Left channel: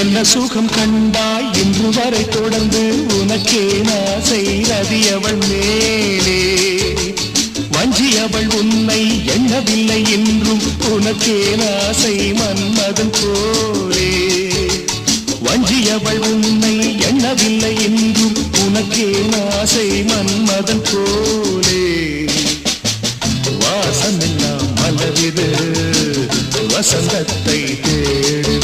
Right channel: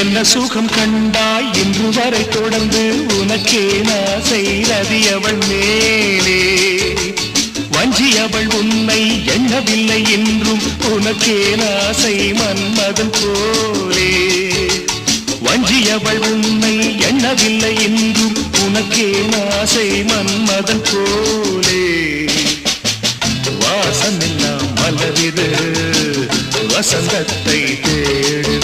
என்ன சுகம் கண்டாய் இன்று வரை தொடர்ந்து உனக்கே ஆசை ரதி அவள் மேலே வஞ்சி அவள் உன்னை எண்ணவில்லை என்றும் உனக்கே ஆசை மன்மதன் போலே வஞ்சி அவள் உன்னை எண்ணவில்லை என்றும் உனக்கே ஆசை மன்மதன் போலே வாசமெல்லாம் மலரிது வசந்தத்தை தேடு